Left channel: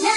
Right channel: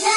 「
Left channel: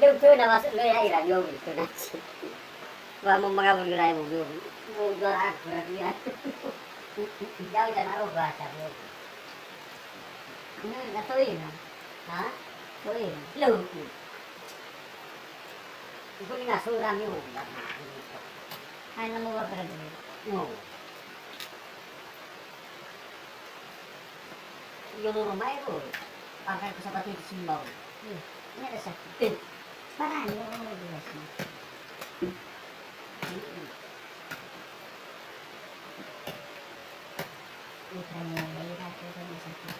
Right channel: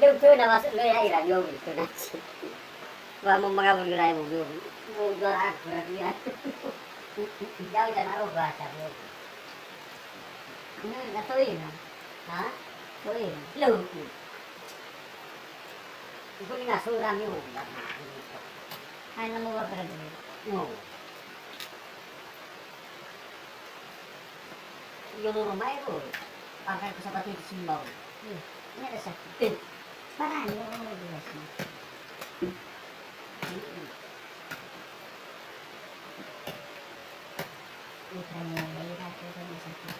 Yung tuna masuk lo ya ira yo tuna. Wa mo mga bulay mo yo. Mo gora ya. Jauh dan naruh bahasa yo. Na toy na. Ha? Toy. Lo. Ko ni na suram yo. Ay na mo ba para dito. No. Yung rumah itu pakai sepatu di simbau. Ini ada sakit. Parah nih orang jelas nih. Putranya dari ratu tadi sakit.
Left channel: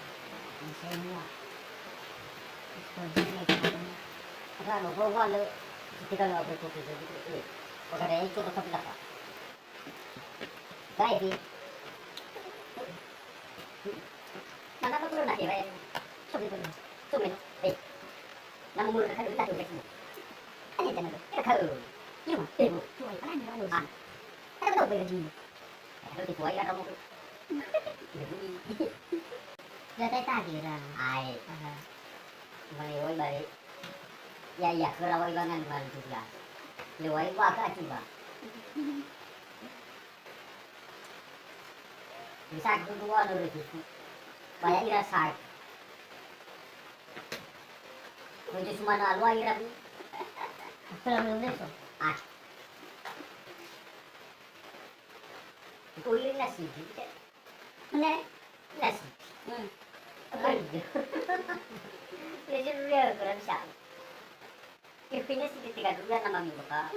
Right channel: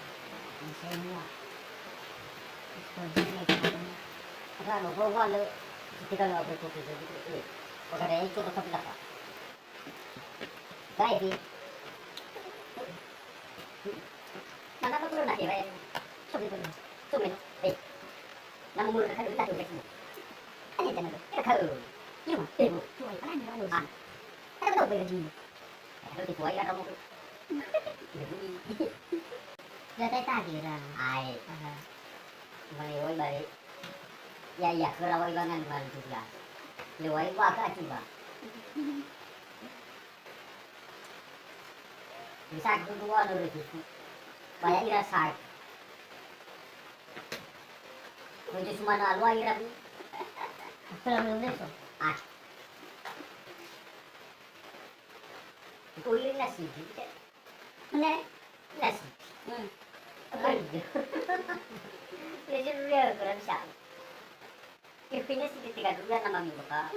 Ini semua. Sekolahnya kan. Kalau kalau kita nggak berkutik jadi, kalau itu tetap dapat. Baik sih. Mana apa perlu nanti bayar? Sumin, nama mulut kan kita tuh begitu. Hanya jangan kita tahu. Ibu, tuai kan ada orang. Kita tahu begitu. Kalau di tuai kan kamu. Jadi tadi lah. Ai. Meliwai balik. Ya, kalau ibangan balik juga. Liwai bakal juga. Bisa kedua dulu gitu. Banyak ira sak. Jadi cuma alwa ira bi. Kalau belum itu. Itu ira nasi. Mana? Nasi. Jadi dia kurang siap. Kepingnya sih tiga dulu nama mi baka.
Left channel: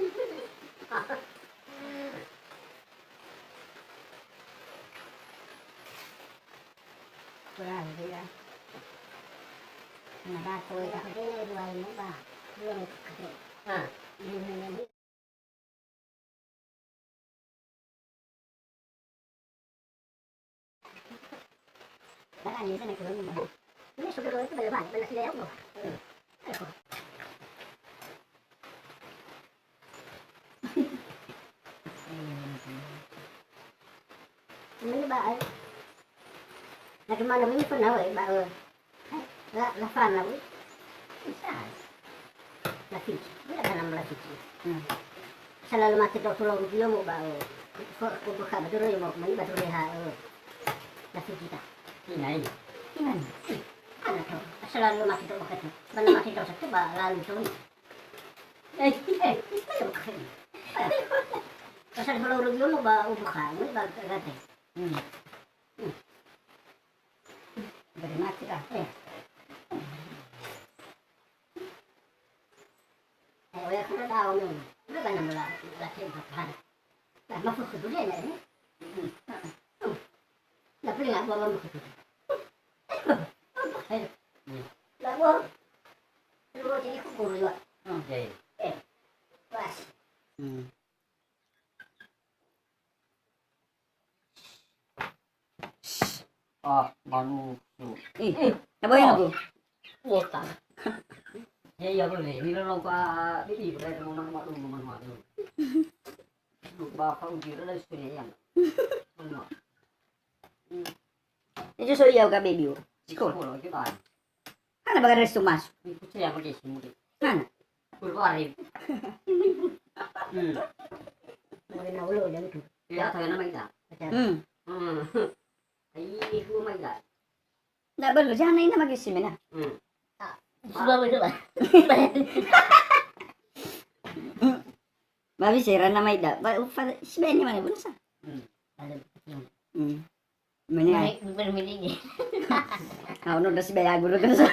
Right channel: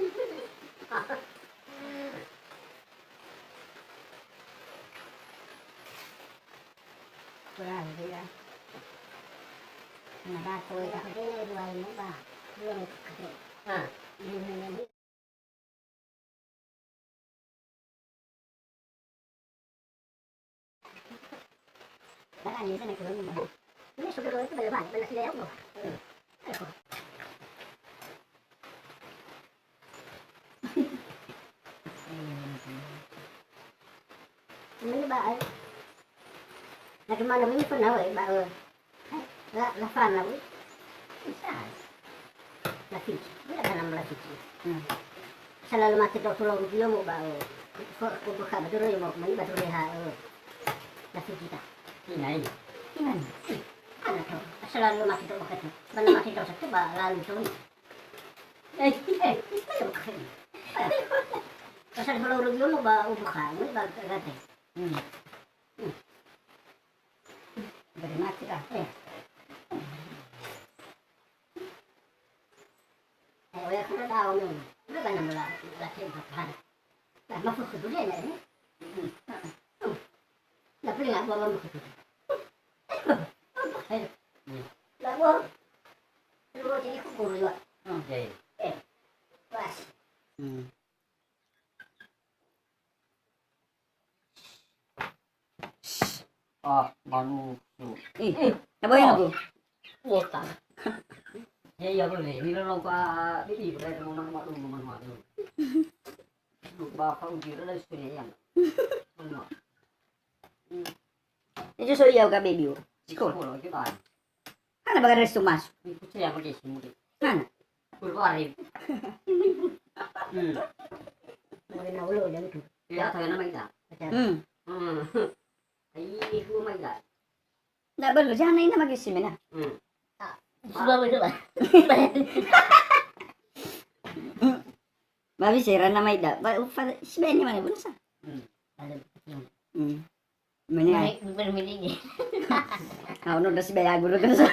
Kurang dia. Nah, tôi đã thấy đây rồi nó bà luôn ini đã là như thế này rồi mà ini sudah rồi itu balik leo loh. Ini bà ơi. Nah gimana ini pernah weh mbak la fana weh bisa la fici bila dalam la fici selalu mati dok tulung dia mau mbak kok buka betul ya mau mani betul ya la fici ta ini ana tuh selalu mati dok buka tuh mana mati dok satu mbak lalu tuh asal kalau dia mau mbak buka ini mbak kata Beri mati lah, ya kan tahu nih, udah kan mulai lagi bertahan. Nah, masuk ke dunia ini, nggak boleh nggak bawa masuk ke dunia. Nggak boleh, lu jadi kubur juga. Pas. Manu. Apa yang aku? Wota. Ya boleh. Ini lo ka di boleh ngomong mak lu. Lu bapak uji lah istri yang. Itu so iya ka baby. Sekolah lagi kan. Kana baga resto mas. Itu saya pakai semua. Kana. Berwarna. Mau na ulo dan itu. Ya tahu nama itu. Ay, kumay ka. Nggak perlu, jangan ini mag-isim na. Sudah betul lah. Babi sira na may da. Si Benny mana pun sa. Mana? Bermini. Kau nu si Benny guru kan sa.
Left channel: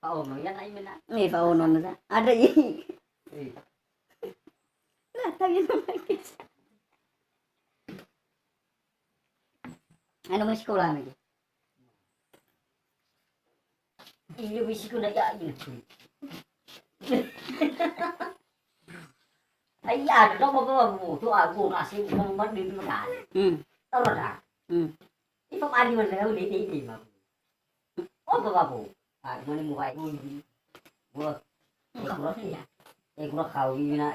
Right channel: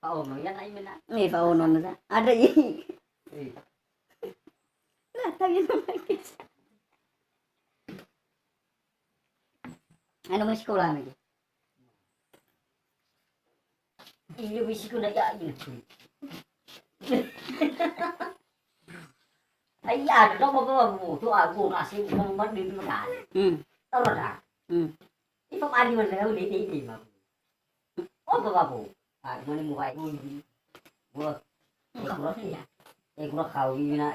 Pauno yan ay mina. Ni pauno na sa. Ada ini. Lah, tayo na mag-isim. Ano mo sekolah lagi? Iyo bisi ko na yain. Ay ano daw mo to ako kasi mo man din mo na. Tama na. Ipamali man na ulit hindi mo. O ba po? Mo ni mo kay mo. Mo. Ko kau na.